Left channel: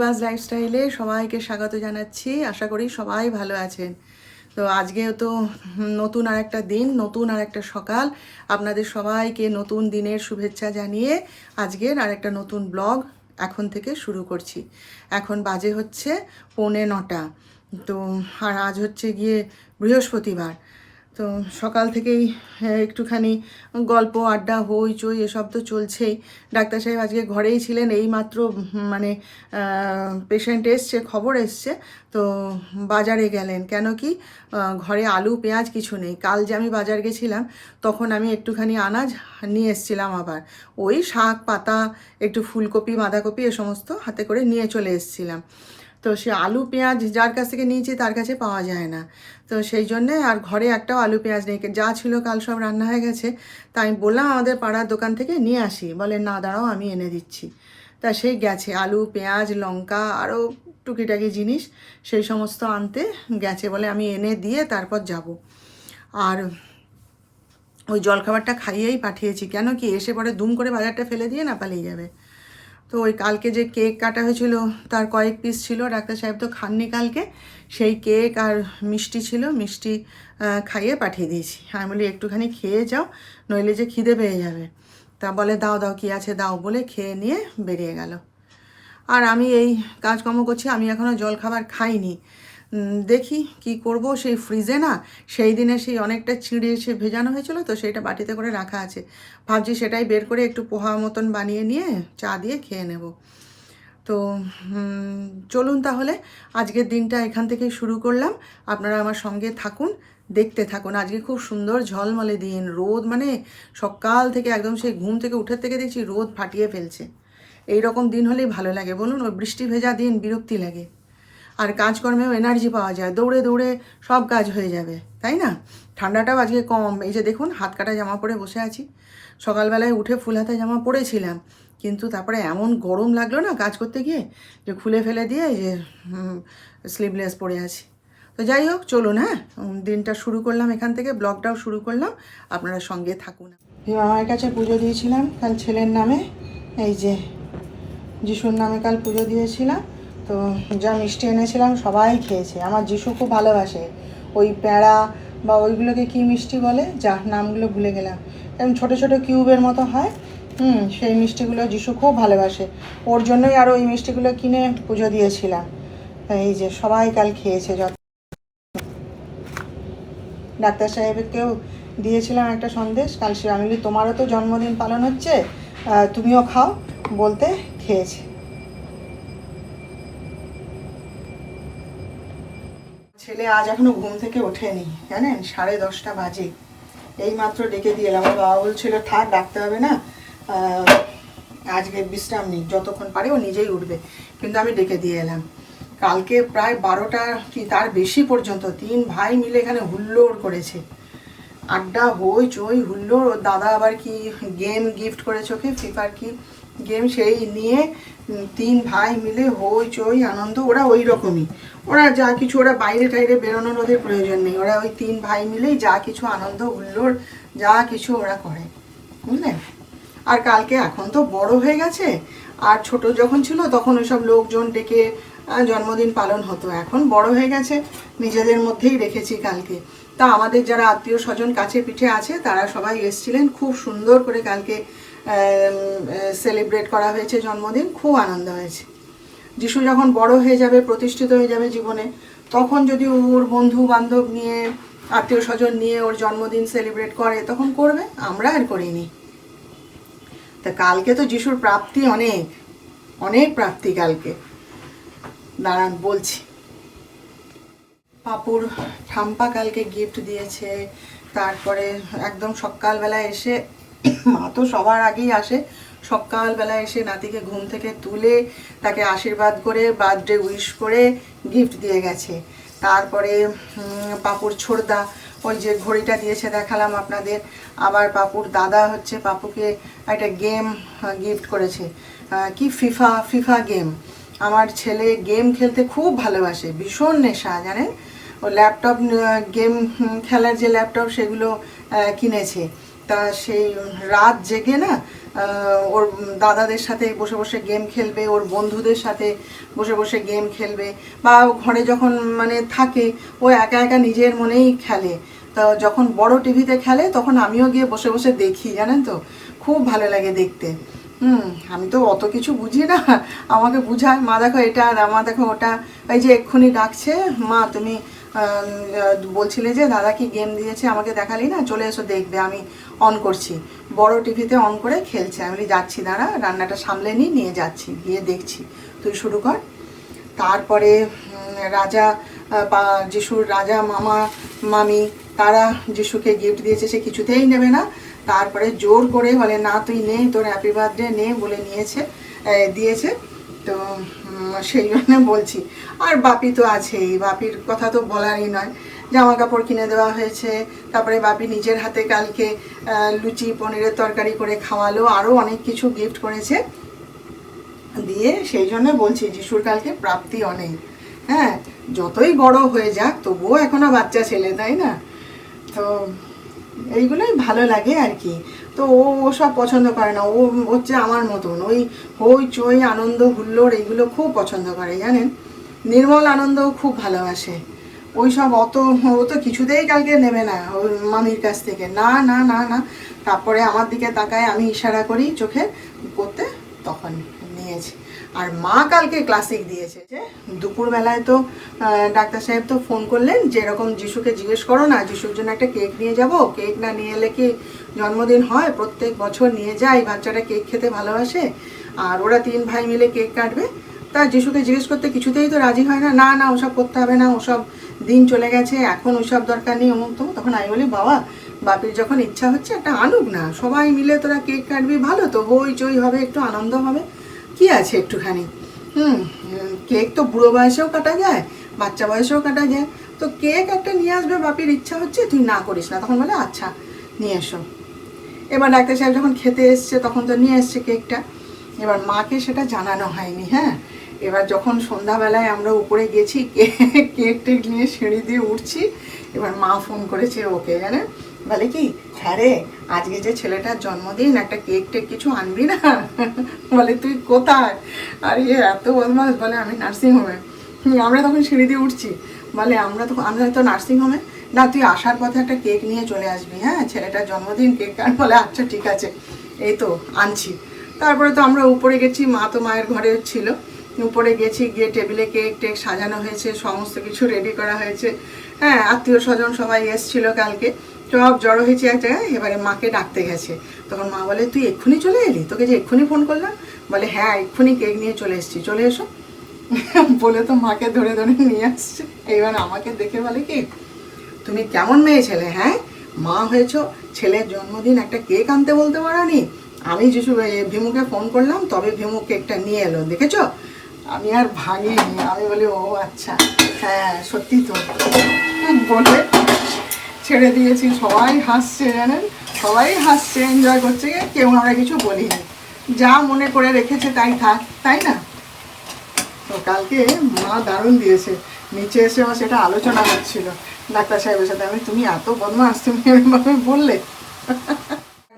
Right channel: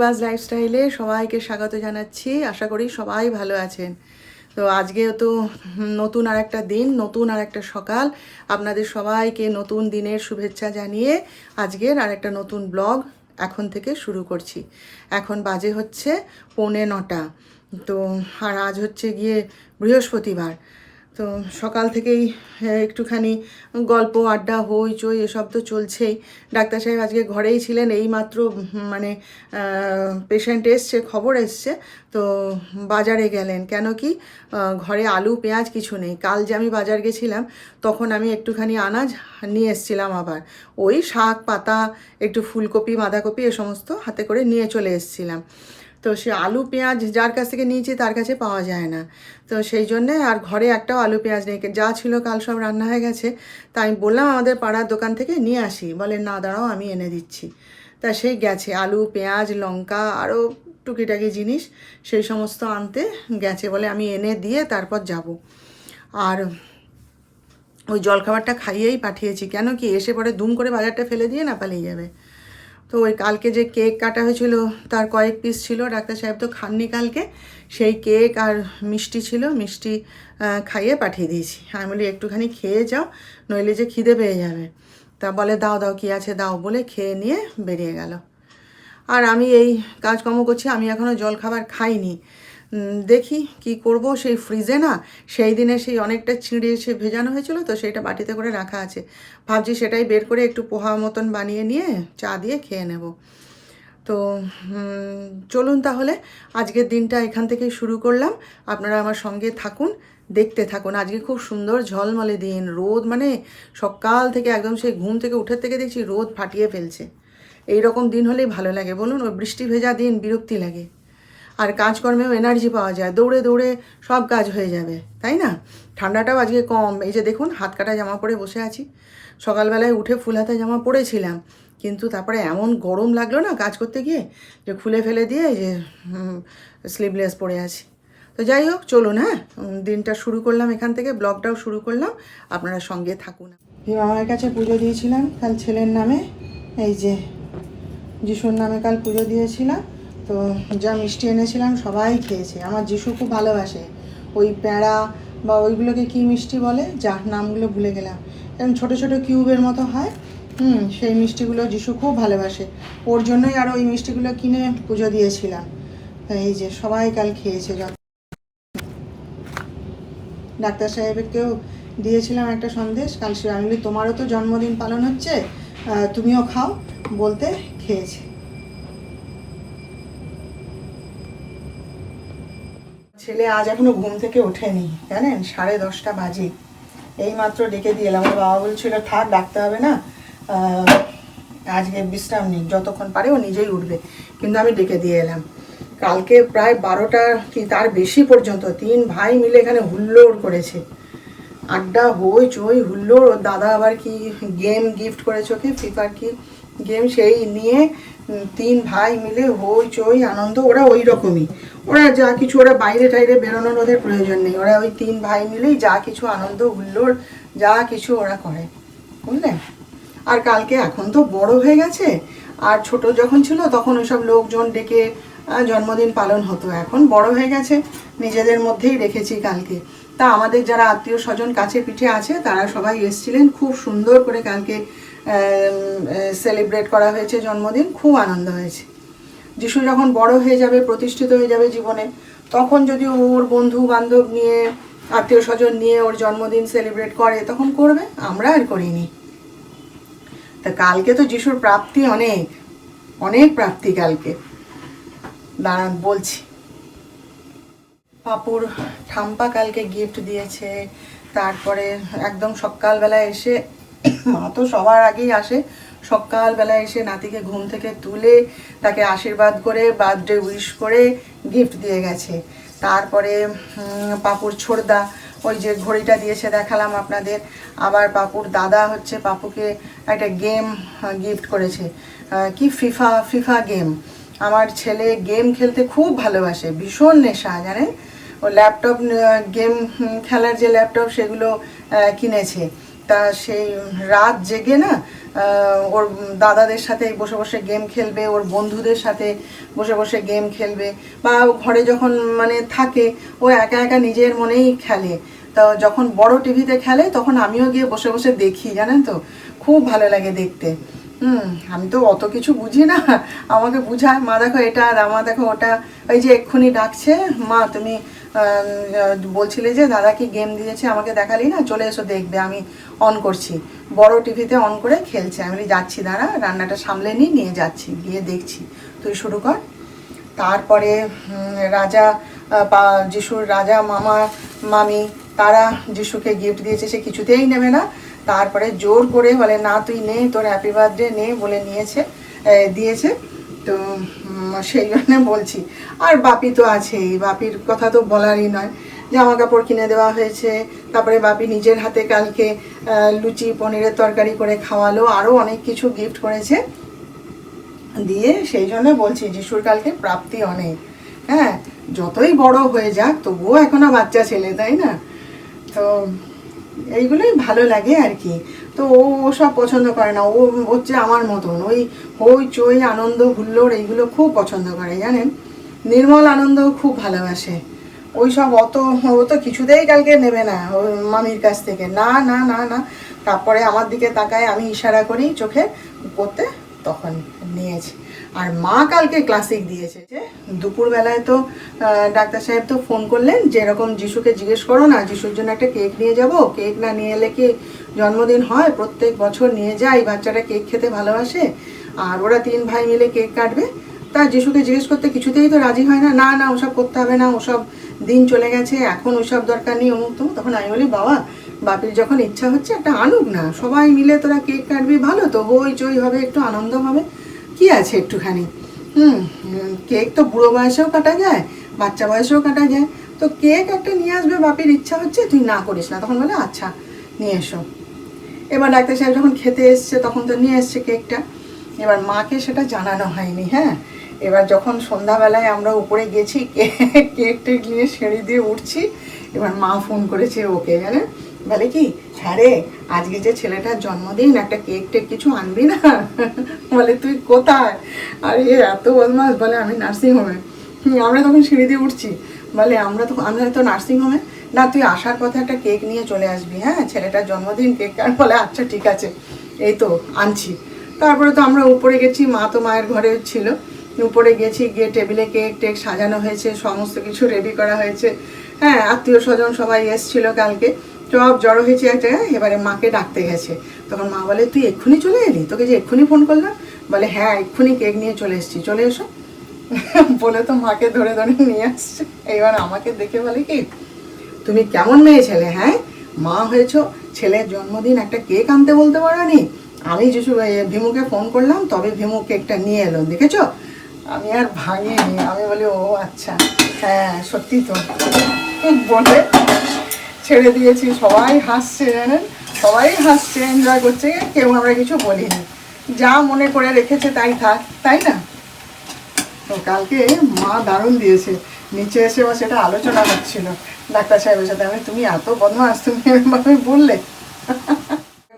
পূর্বাস লাইফস্টাইলে সবাইকে স্বাগত জানাচ্ছি। আশা করি সবাই ভালো আছেন। তো আজকেও তো নতুন আর একটা দিন, নতুন আর একটা সকাল। আপনাদের সবাইকে নতুন দিনের শুভেচ্ছা জানিয়ে আজকের আর একটা নতুন ব্লগ এখন থেকে শুরু করছি। এখন বাজে হচ্ছে 8:45। তো আর আজ হচ্ছে গিয়ে বৃহস্পতিবার। তো সকাল থেকেই একটুখানি গল্প আড্ডা হইচই এসব তো চলছেই। ডাক্তার সাহেব আজকে ঘরেই ছিলেন, এইমাত্র মানে পেশেন্ট এসছে, খবর এসছে। তো বাজারে গেলেন, কেন কি ঘরে আলু পেঁয়াজ কিছু নেই। কাল যে আমি বাজার গেছিলাম তখন আমি একটুখানি আনাজ নিয়ে এসছিলাম, আবার ওই শাক পাতা একটু ফুলকপি বাঁধাকপি এ সমস্ত হাতে করে নিয়ে চলে এসছিলাম। তো সে আলু পেঁয়াজ যার কাছ থেকে নিয়েছি তার কাছে পাওয়া যায় না। তো সেই জন্যে আর ঘরে একটাও আলু পেঁয়াজ নেই, যা ছিল কাল সব রান্না হয়ে গেছে। তাই আমি বললাম আমাদের পাড়ার দোকান থেকে নিয়ে আসি, বলে না দাঁড়াও আমি এনে দিচ্ছি। তা সেই গেছে আলু পেঁয়াজ লঙ্কা আরও টুকিটাকি জিনিস সেই সমস্ত আনতে গেছে, বলে আমি এনে দিয়ে তারপর যাব। আর ওই জলখাবারটা খাইয়েই পাঠিয়েছি, কেন কি এসে পরে দুম করে বাজারটা ফেলে দিয়ে না পালিয়ে যাবে। তো ওই কালকে যে কেক কাটা হয়েছিল তার কয়েক পিস ছিল, ডাক্তার সাহেব তো খাননি কালকে। সেই কেক আর মিষ্টি ছিল, মিষ্টি খাইয়ে পাঠিয়ে দিয়েছি। আমি বলি একটুখানি খেয়ে যাও, নইলে যে খিদে পেয়ে যাবে। তা বলে দাও দাও কী আছে দাও, বলে খেয়ে নিয়ে বেরিয়ে গেল। আর আমি এই কাজকর্ম করছি, আমি এখনও জল খাবার খাইনি। দেখি কি করব। সেই ফ্রিজে না সেই দিনে সেই অনেকটা চিঁড়ে সে ভেজানো হয়েছিল, তো সেইটা বাটিতে করে রাখা আছে। ভাবছি সেটাই বের করে একটু পোহা মতন বানিয়ে নিয়ে চা দিয়ে খেয়ে নেব। তো চলুন তাহলে আজকের দিনটা এখান থেকেই শুরু করলাম। আপনারা আমার সঙ্গে থাকুন, দেখতে থাকুন। আজকে খুব সুন্দর ঝলমলে দিন, রোদ মানে সকাল থেকে একদম সেই ঘুম থেকে উঠে থেকে দেখছি রোদ ফাটিয়ে ফেলছে। এই রকম দিন হলেই ভালো লাগে বলুন, ওই বৃষ্টি ভেজা দিন বিরক্তি লাগে। আর কাজকর্মেও এনার্জি পাওয়া যায়, দৌড়ে দৌড়ে সব কাজ হয়ে যাবে, তাই না? ঠান্ডাটাও আজকে কম। এই যে দেখুন হাত কাটা জামা পরে বসে আছি। সকালবেলায় উঠে ফুল হাতা জামা পরেছিলাম, কিন্তু তারপরে এমন গরম লাগলো না কাজ করতে গিয়ে যে খুলে ফেলে দিয়ে যে স্লিভলেস পরে আছি। তো যাই হোক চলুন, হ্যাঁ দিনটা শুরু করলাম এখান থেকে, ব্লগটাও শুরু করলাম। আপনারা সঙ্গে থাকুন। আমার কাছে পুজো দিয়েছিলাম কাল ছেলের নামে, এই যে যিশুর নামে কাল পুজো দিয়েছিলাম। তো যা মিষ্টি এনেছিলাম সবাই খেয়েছে। আমার যিশু খুব ভালোবাসে ওই প্যাঁড়া বা ওইগুলোকে কী মিষ্টি বলে, যা নামগুলো ভুলে গেলাম, এরকম ছোটো ছোটো কিউবের মতো হয়। সেই মিষ্টিগুলো যিশু খুব ভালোবাসে, ওর জন্যই আরও ওই মিষ্টিগুলো কিনে পুজো দিয়েছিলাম। এই যে সবাই কাল খেয়েছে। ডাক্তার সাহেবকেও দিয়েছিলাম একটা সন্দেশ কাল, সে আমি বলি তোমারও তো জন্মদিন পালন হচ্ছে, তুমিও খাও বলতে খেয়েছে। ছেলে আজ এখনো ঘুম থেকে ওঠেনি, জানেন 10:30 বাজে। এই মাত্র ডেকে দিয়ে এলাম। আমার বাবা বলছিল থাক ডাকতে হবে না, আজকে বিশ্রাম নিই, যতক্ষণ পারে ও নিজেই উঠবে। কিন্তু আমি ডেকে দিয়ে এলাম। কালকে প্রায় 12টা কি তার বেশি পর্যন্ত 3 ভাই মিলে এখানে হুল্লোড় করেছে, আড্ডা হই চই হুল্লোড়। ওর দাদা আবার কি গেম গিফট করেছে ওকে, ফিফার কি গেম, সেই নিয়ে 3 ভাই মিলে হই চই আনন্দ। ওরা ওই রকমই, ওরা যা কিছু, ওরা বাইরে টাইরে বেরোনোর ওদের প্রয়োজন নেই, ওরা ওই 3 ভাই মিলেই যা কিছু আনন্দ হুল্লোড় যা কিছু ওরা করে, বুঝলেন। আর কালকে এখন তো বড় হয়ে গেছে, আর ছোট যখন ছিল তখন ওসব লোকজন ডেকে জন্মদিন পালন হতো। এখন বড় হয়ে গেছে, নিজেদের মধ্যেই রেখেছি কালকে। তা আমাদের যারা আত্মীয় স্বজন কাছে পিঠে আছে তারা সবাই এসেছিলেন, খুব সুন্দর করে কালকে সেলিব্রেট করা হয়েছে জন্মদিন, খুব আনন্দ হয়েছে। যিশু যখন বড় হয়ে যাবে, প্রতিষ্ঠিত হয়ে যাবে জীবনে, তখন যদি ওর বন্ধু বান্ধব নিয়ে আত্মীয় স্বজন নিয়ে ওর জন্মদিন সেলিব্রেট করে তখন করবে, আমরা আর করিনি। তা কালকে তো যিশুর প্রাপ্তি অনেক অনেক প্রাপ্তি কালকে, দাঁড়ান বলছি। পাপুর ঠাম্পা কালকে গিফট দিয়েছে। তারপরে একদম সকালবেলায় এসে, মা তো সবার আগেই আসে, সকালবেলায় এসে নাতিকে ঘুম থেকে তুলে তাকে আশীর্বাদ করে বার্থডে উইশ করে গিফট দিয়ে গেছে। তারপরে পাপুর ছোড়দা ওই যে ঘড়িটা দিয়েছে দেখালাম আপনাদের। আবার পাপুর দাদা হচ্ছে পাপুকে একটা গেম গিফট করেছে, কি ফিফা গেম। আমার ছেলে গেম খেলতে খুব ভালোবাসে, ভীষণ নেশা জানেন। ও ল্যাপটপ গেম খেলার যে ল্যাপটপ সেগুলো কিনেছে। তা সেই রাত জেগে না ওর দাদাদের সাথে বসে বসে গেম খেলবে, ওর বন্ধুদের সাথে বসে বসে গেম খেলবে, বা ঘরে যখন মানে থাকে ও একা একা নিজের মনেই খেলে। তো যখন বড় টিভিতে খেলে তখন আমিও গিয়ে বসে বসে দেখি, জানেন তো, খুব ভালো লাগে দেখতে। আমি তো অত কিছু বুঝি না, আমাকে বুঝায় মা দেখো এটা আর মা দেখো ওটা। ওই যে এক্ষুনি ডাকছে, মা তুমি বলছিলে যে দাদা কি গেম দিয়েছে আমাকে দেখালি না, চলে এসো দেখবে, আমি অন করছি। বড় টিভিতে অন করে খেলছে। আমি বলি যাচ্ছি, দাঁড়া রান্নাটা সামলে নিয়ে যাচ্ছি, গিয়ে দেখছি, তুই শুরু কর। তারপরে রাজা বা যিশুর রাজা মামা মামি তারা যিশুকে গিফট দিয়েছে, সে কিছুতেই নেবে না। তারপরে জোর করে বলে না তুই নে, তোর হ্যাপি বার্থডে নে বলে দিয়েছে। তো সেই জন্য বলছি। আর বাপি তো আছেই, বাপির কথা তো বলারই নয়, জামা কাপড় কিনে দেওয়া হয়েছে। তারপরে বাপি নিজের হাতে কালকে লুচি পনিরের তরকারি করে খাওয়ালো, আরও অনেক কিছু গিফট করেছে দিয়ে। সেই জন্য বলছি যিশুর কালকে প্রাপ্তি অনেক। হ্যাঁ, যতই বড় হয়ে যাক তবুও এখনো বাচ্চা ছেলে, তাই না? তো এইগুলোই ভালো লাগে আর কি। তো ও সব পছন্দ করে না, ও হচ্ছে আমার মতন ওই হই চই আনন্দ হুল্লোড় এইগুলো খুব পছন্দ করে, জানেন। নির্মল আনন্দও খুব ভালোবাসে। ওই সব ও তো কিছুতেই কালকে নেবে না ওর মামির কাছ থেকে, না না না না। তারপরে আমার দিকে তাকায়, আমি ইশারা করি চোখে করতে, তখন নিয়েছে। আর মা কালকে ক্লাসিক দিয়েছে যে দুপুরবেলায় তো ডাক্তার সাহেব তো ফোন করলেন যে এরকম যিশুকে জিজ্ঞেস করো না, যিশুর জন্য একটা কেক নিয়ে যাব, কেক না নিয়ে এলে কি জন্মদিন হয়? প্রত্যেক বছর নিয়ে যায়, বাচ্চাটা কেক খেতে ভালোবাসে, আর ওরা 3 ভাই মিলে কেক কাটবে। তা যিশুকে জিজ্ঞেস করতে কিছুতেই তো রাজি হয় না, না না ওসব করতে হবে না, ওসব দিন চলে গেছে, এখন ওইসব দরকার নেই, অমুক তমুক। তখন আমি বলি বাবা, বাপির যখন ইচ্ছা হচ্ছে একটা আনুক না, সবাই মিলে তোরা কেক কাটবি, ভালো তো, হই চই হবে, একটু আনন্দ হবে, কি আছে একটুখানি। কেক তো বুড়ো বয়সেও কাটা যায়, বাচ্চা বয়সেও কাটা যায়। তো কেক একটা নিয়ে আসবে, বাপির ইচ্ছা হচ্ছে, তুই না করিস না। তখন বলে আচ্ছা নিয়ে এসো। এবার ডাক্তার সাহেব যখন খেতে এসছে তখন তো নিয়ে এসছে কেকটা। এবার মাকে সেটা জানানো হয়নি। হ্যাঁ, এবার যখন সন্ধ্যাবেলায় আমরা উপরে গেছি কেক টেক নিয়ে সিঁড়ি দিয়ে উঠছি, এবার মা ফোন করেছে ওকে, জানে, বলে কি হ্যাঁ রে আজকে যে ছেলেটার জন্মদিন, একটা কেক টেক কিছু আনবি না? বলে তুই কোথায়? আর এত বদমাস, বলে আমি নার্সিংহোমে। আমরা তখন সিঁড়ি দিয়ে উঠছি, বলে আমরা তো নার্সিংহোমে। না তুই আসার পথে একটা কেক নিয়ে চলে আসবি, হ্যাঁ ছেলেটার জন্মদিন কেক। আর বলে আচ্ছা ঠিক আছে, এই তো আনছি। তারপরে তো আমরা উপরে গেছি, মা তো মায়ের ঘরে ছিল, উপরে গেছি, গিয়ে টেবিলে কেক টেক সাজানো হয়েছে, সমস্ত কিছু রেডি করা হয়েছে। হ্যাঁ, আত্মীয় স্বজন সবাই এসেছিল কালকে, সব জড়ো হয়েছে এক জায়গায়। এবারে মাকে ডাকতে গেছে, তখন মা বলে তুই এক্ষুনি চলে এলি, তোকে যে এক্ষুনি ফোন করলাম। বলে হ্যাঁ এক্ষুনি কেক নিয়ে চলে এসেছি, চলে এসো। বলে তো মাকে ধরে ধরে নিয়ে আসছে। এইবার আমাকে দেখে বলে কি তুমি কেমন মেয়ে ছেলে, হ্যাঁ মা হয়েছ, ছেলের জন্মদিন একটা কেক আনতে বলতে পারোনি? আমি যিশু ভীমুকে ফোন করলাম, তবে ভীমু কেকটা নিয়ে এলো, দেখেছো? আমি আর ভাঙিনি, আমি বলি ও আচ্ছা হ্যাঁ সত্যি তো, বলে ছেড়ে দিয়েছি। সবাই হাসছে, জানেন, সবাই হাসছে, এনজয় করছে, কেউ আমরা কিছু বলিনি। যা মনে করে রেখেছে তাই থাক, তাই না? তো কালকে মা দারুণ দিয়েছে, নিচে এসে ও সেটা আলোচনা করছিল ডাক্তার সাহেবের সাথে। আমি তুমি এত বদমাস, তুমি এরকমভাবে বললে।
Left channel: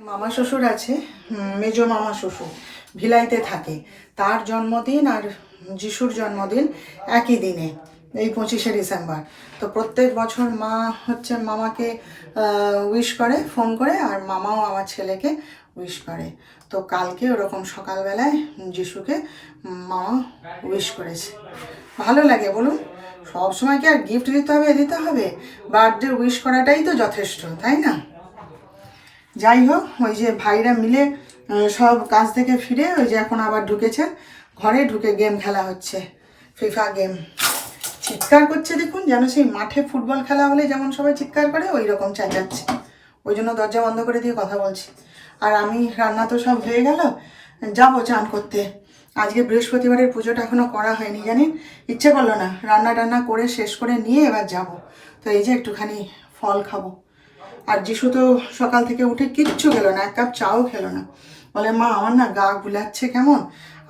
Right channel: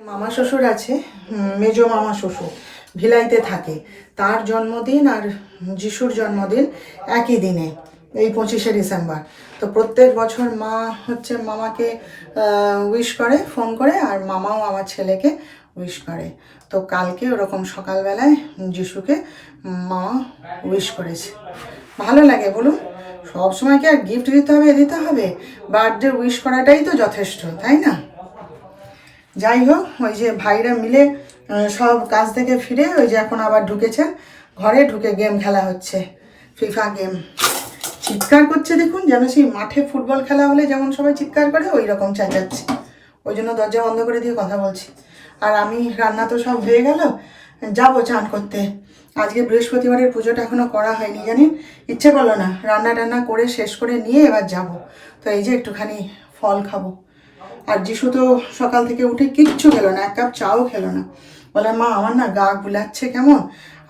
মামা শ্বশুর আছে, মেজো মামা শ্বশুর ভিলাইতে থাকে, তার জন্মদিন আর যিশুর জন্মদিন একই দিনে, এই 25শে ডিসেম্বর। তো প্রত্যেক বছর মা হচ্ছে মামাকে উইশ করে ফোন করে, আর মামাও আমার ছেলেকে উইশ করে। তো কালকে ওরকম সকালবেলায় যিশুকে মামা উইশ করেছে। ভালো লাগে বলুন, সবসময় কি আর গিফট দিতে হবে? বার্থডে উইশ করাটাই তো যথেষ্ট, তাই না? যাই হোক, ওই যে ভাইরা মিলে সব কাজ থেকে ফিরে ওই যে এখন আবার ঢুকেছেন ঘরে, ঢুকে গেম খেলা হচ্ছে, ফিফা গেম। চিৎকার করছে দেখুন, যেন সেই মাঠে ফুটবল খেলা হলে যেমন সবাই চিৎকার করে ওই রকম চেঁচাচ্ছে। ওই জন্য দরজা বন্ধ করে দিয়ে কথা বলছি। আর আমি রান্না তো সব হয়ে গেল, যাবো চান করতে। আজকে বৃহস্পতিবারের পুজোটা এখনও করা হয়নি, জানেন, ইচ্ছে করলো না, রান্না টান্না করে শেষ করে নিয়ে এবার যাব। তো এই যে একটুখানি ফল খাবো। আর যিশু তো সকাল থেকে উঠে কিচ্ছু খেলো না, 1 কাপ চাও খেলো না। বলে মা আমার না গা গুলাচ্ছে কেমন,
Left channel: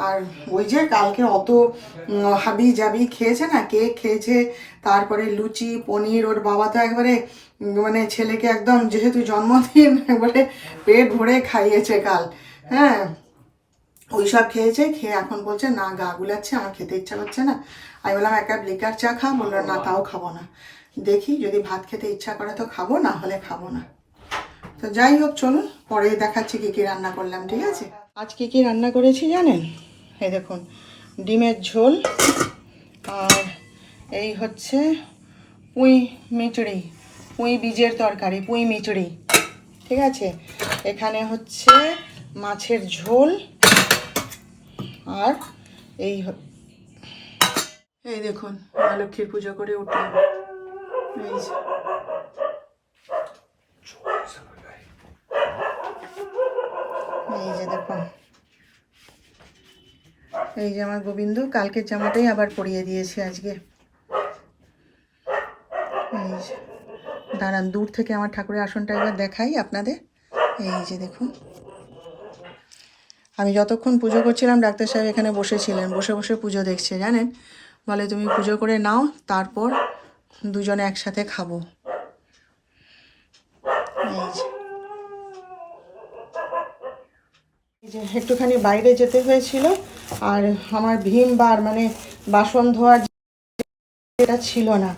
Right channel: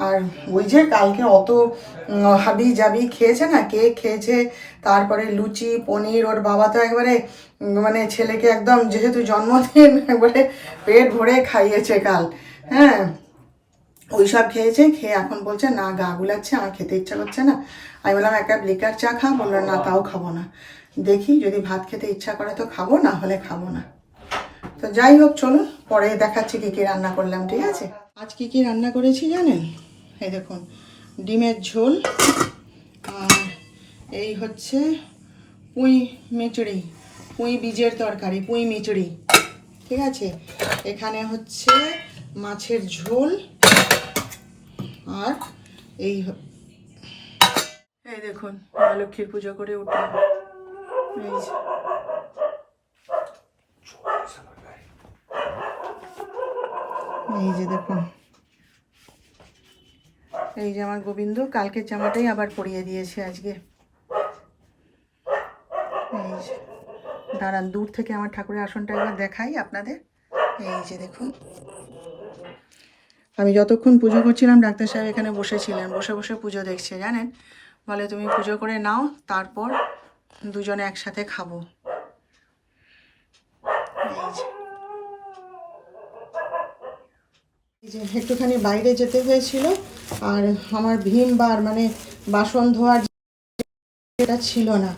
আর ওই যে কালকে অত হাবি জাবি খেয়েছে না, কেক খেয়েছে, তারপরে লুচি পনির, ওর বাবা তো একবারে মানে ছেলেকে একদম যেহেতু জন্মদিন একবারে পেট ভরে খাইয়েছে কাল। হ্যাঁ, ওই সব খেয়েছে, খেয়ে এখন বলছে না গা গুলাচ্ছে, আমার খেতে ইচ্ছা করছে না। আমি বললাম এক কাপ লিকার চা খা, বললো না তাও খাবো না, দেখি যদি ভাত খেতে ইচ্ছা করে তো খাবো, না হলে খাবো না। তো যাই হোক চলুন পরে দেখাচ্ছি কী কী রান্না করলাম, ঠিক আছে। আজ কী কী রান্না করেছি জানেন? এই দেখুন, ডিমের ঝোল, আর এই হচ্ছে পুঁই মিচড়ি, পুঁই বীজের তরকারি, পুঁই মিচড়ি, ঠিক আছে। এখানে হচ্ছে মাছের ঝোল, আর এই এই দেখুন মা লক্ষ্মীর পুজো করে উঠলাম, এই যে দেখুন, এই যে আমার গোবিন্দ কালকের জামাটাই আবার পরিয়ে দিয়েছে আজকে। এই যে দাঁড়ান, দূর থেকে আমার ঠাকুরের আসনটা একবার দেখাই আপনাদের। এই যে দেখুন, আমি যতক্ষণ পুজো করছিলাম ডাক্তার সাহেব এখানে বসেছিলেন, বসে বসে পুজো দেখছে জানেন। বলে তুমি পুজো করে নাও, তারপর দুজনে একসাথে খাবো। এই যে একটুখানি বাইরে যেতে হয়েছিল, আর আমার ভীম বার মানে বাসন ধোয়ার যেটা ছিল না,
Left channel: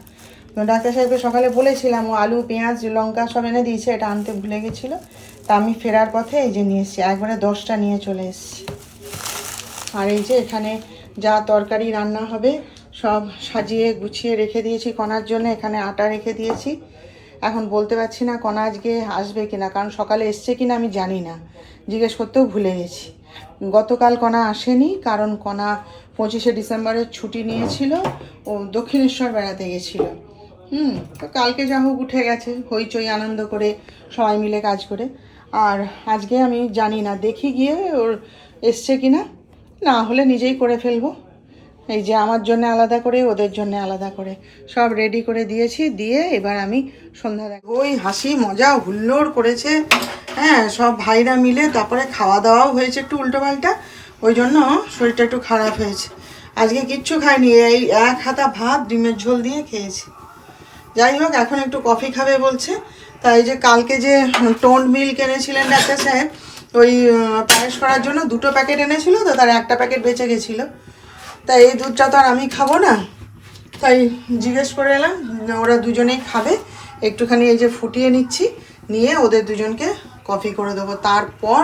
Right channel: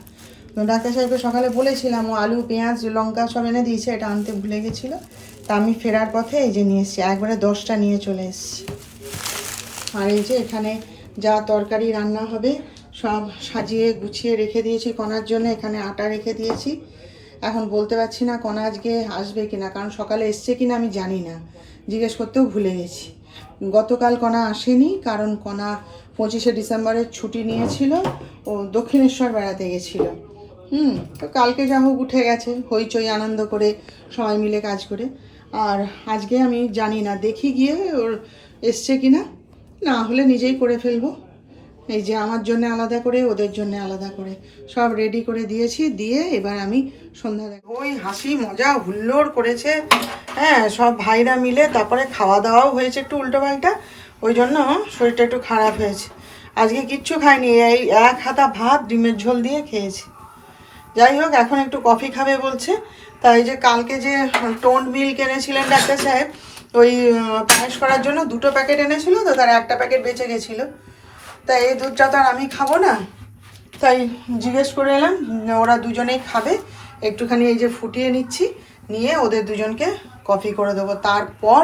ডাক্তার সাহেবকে সকালে বলেছিলাম, ও আলু পেঁয়াজ লঙ্কা সব এনে দিয়েছে, এটা আনতে ভুলে গেছিলো। তা আমি ফেরার পথে এই যে নিয়ে এসেছি, একবারে 10টা নিয়ে চলে এসেছি। আর এই যে এখানে যা তরকারি রান্না হবে সব সাজিয়ে গুছিয়ে রেখে দিয়েছি কণার জন্য, এখানে আটা রেখে দিয়েছি। এখন বলতে পারছি না কণা আজকে আসবে কিনা, কারণ সকালে এসছে কিনা আমি জানি না, জিজ্ঞেস করতেও ভুলে গেছি। গতকাল কণা আসেনি, কারণ কণা 25শে ডিসেম্বরের ছুটি নিয়েছিল, ও দক্ষিণেশ্বর বেড়াতে গেছিলো। তো কালকে যা হোক উঠে গেছে হইচই আনন্দ করে সবাই মিলে কাজ করে। আর আজকে আমি জানি না, দেখি গিয়ে ওর এসছে কিনা, না হলে নিজেই করে ফেলবো। এই যে আমার জন্য আলাদা করে, ওদের জন্য আলাদা করে সব রেডি করে দিয়েছি, দিয়ে এবার আমি সন্ধ্যা দেখ ওই হাসি মজা হুল্লোড় করেছে। হ্যাঁ, সব ভাইরা মিলে, তারপরে খাওয়া দাওয়াও হয়েছে একটু উল্টোপাল্টা, ওই জন্য শরীরটা একটু খারাপ হয়েছে। আজকে কিচ্ছু খাইনি, এই এক হাতা ভাত ডিমের ঝোল দিয়ে খেয়েছি। যাই হোক, এখন একটু কফি খাবে বলছে। তাই যে কালকে যে টোন্ড মিল্ক এনেছিলেন ডাক্তার সাহেব, ওই পায়েস করার জন্য 2টো প্যাকেট এনেছিল, তো তার একটা প্যাকেট বেঁচে গেছিলো। তাই এই দুধটা তো আর আমি খাবো না, তাই জিজ্ঞেস করে এলাম, ওরা দুজনেই খাবে, একটুখানি এই যে ফুটিয়ে নিচ্ছি, নিয়ে ওদের দুজনকে কফি করে দেবো, তারপর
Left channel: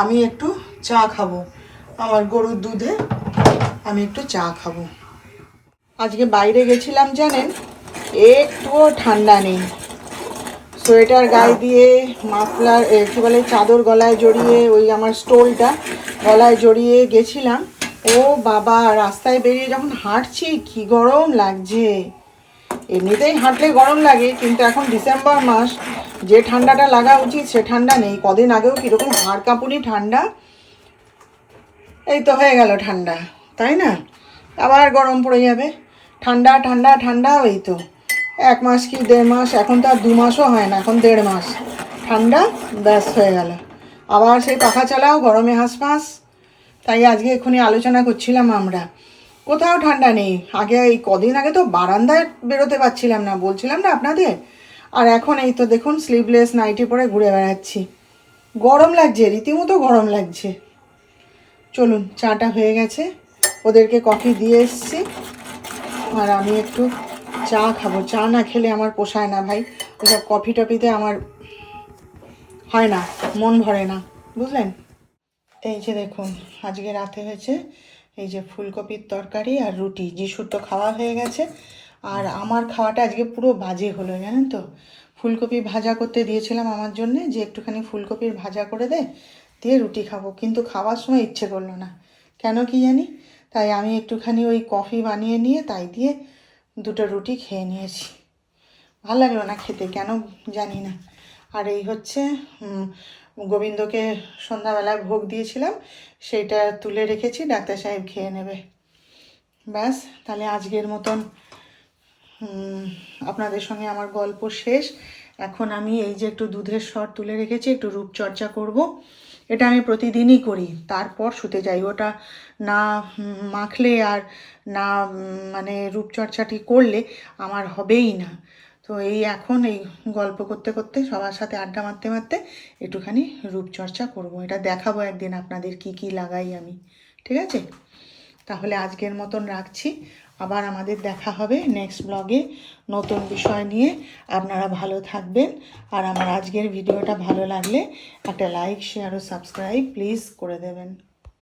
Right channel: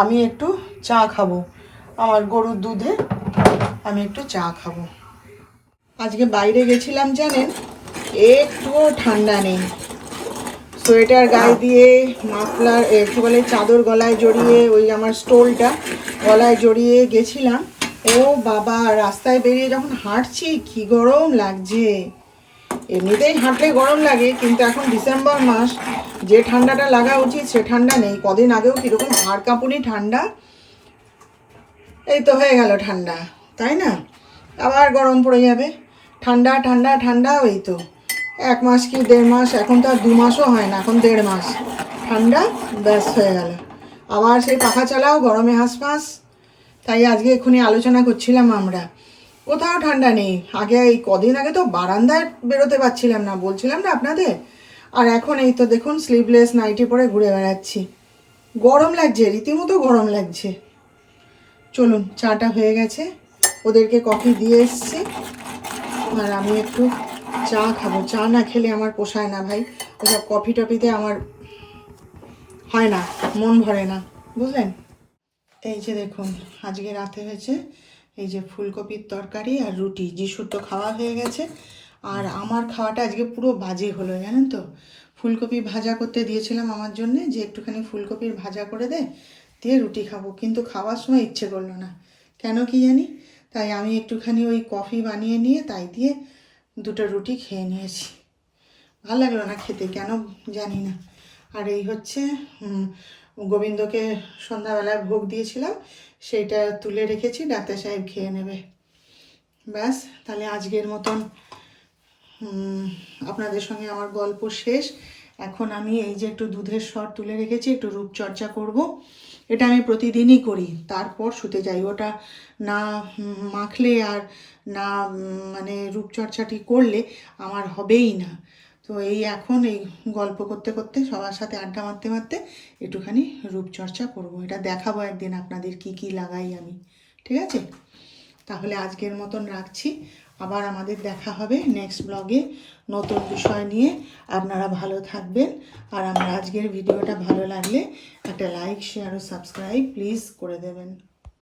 আমি একটু চা খাবো, আমার গরুর দুধে আমি একটু চা খাবো। আজকে বাইরে গেছিলাম জানেন, একটুও ঠান্ডা নেই, সোয়েটার গায়ে দিয়ে, মাফলার কী বলে চাদর গলায় জড়িয়ে, ওই আমার স্টোলটা গলায় জড়িয়ে গেছিলাম। ও বাবা, রাস্তায় বেরিয়ে যখন হাঁটছি কি গরম লাগছে। এমনিতেই হাঁটলে গরম লাগে, কিন্তু এখন ডিসেম্বর মাস, যে ঠান্ডাটা লাগা উচিত সে ঠান্ডা নেই। কদিন আগেও কীরকম হাড় কাঁপুনি ঠান্ডা, এই তো হয়ে গেল ঠান্ডা, তাই না? আবার গরম পড়ে যাবে, ঠান্ডা ঠান্ডা ঠান্ডা, ওই তো 1 মাস কি 1.5 মাস, এখন তো আর 2 মাসও হয় না, এখন 1.5 মাস ঠান্ডা, ব্যাস হয়ে গেল। আবার সেই পাখা চালাও, গরমে হাঁসফাঁস। তাই আজকে এক্ষুনি আলোচনা করছিলাম আমরা, কোথাও ঠান্ডা নেই। আগে এই কদিন আগে তো বারান্দায় বেরোতে পারছিলাম না, বলছিলাম না আপনাদের। আর এখন এই তো দেখুন স্লিভলেস নাইটি পরে ঘুরে বেড়াচ্ছি, গরম লাগছে, রীতিমতো গরম লাগছে। চলুন, চাটা হয়ে গেছে, ওদেরকে কফি দিয়ে এসছি, আর আমি একটু চা খাবো। চা না খেলে আমার পোষায় না ভাই, ওসব কফি টফিতে আমার হয় না, মন ভরে না, বুঝলেন। এই যে দেখুন, আজকে রাতে হয়েছে এই যে ফুলকপির তরকারি আর রুটি। যিশুর তো খাওয়া হয়ে গেছে, আর আমার খাওয়াটা আজকে পুরো বাজে হলো জানেন তো। ফুলকপি ভাজা করতে দিয়েছিলাম আমার জন্যে, যে একটুখানি ফুলকপির ভাজা করে দে, দিয়ে রুটি খাবো, কিন্তু খাওয়ার সময় ইচ্ছে করলো না, কেন কি জানি। তাই আমি একটুখানি ওই কফি বানিয়ে নিয়ে তাই দিয়ে 2টো রুটি খেয়ে নিয়েছি। ভালো লাগলো না খেতে, কেন জানি না। আর এই হচ্ছে গোবিন্দকে সন্ধ্যাবেলায় ভোগ দিয়েছিলাম, সেইটা তুলে রেখেছি, ডাক্তার সাহেব খেয়ে নেবে। ব্যাস, তাহলে আজকের মতন আপনাদের সঙ্গে আমার গল্প শেষ। এখন আমি এই যে একটু দুধের সর তুলে রেখেছি, একটু রূপচর্চা করব। এটা আমি প্রতিদিনই করি, তারপর শুতে যাই। ওটা না মাখলে আর না মানে রূপচর্চাটি করলে আমার হবেই না। তো এই এখন এই গল্প করতে করতে সবার সাথে আড্ডা মারতে মারতে একটুখানি রূপচর্চা করব। এটা দেখাবো একদিন আপনাদের কি কি লাগাই আমি, ঠিক আছে? তাহলে আজকের মতন রাখছি। আবার আমাদের দেখা হবে নেক্সট ব্লগে নতুন বিষয় নিয়ে। আপনারা ভালো থাকবেন, আর আমার আজকের ভিডিওটা ভালো লাগলে একটা লাইক, শেয়ার ও সাবস্ক্রাইব প্লিজ করে দেবেন।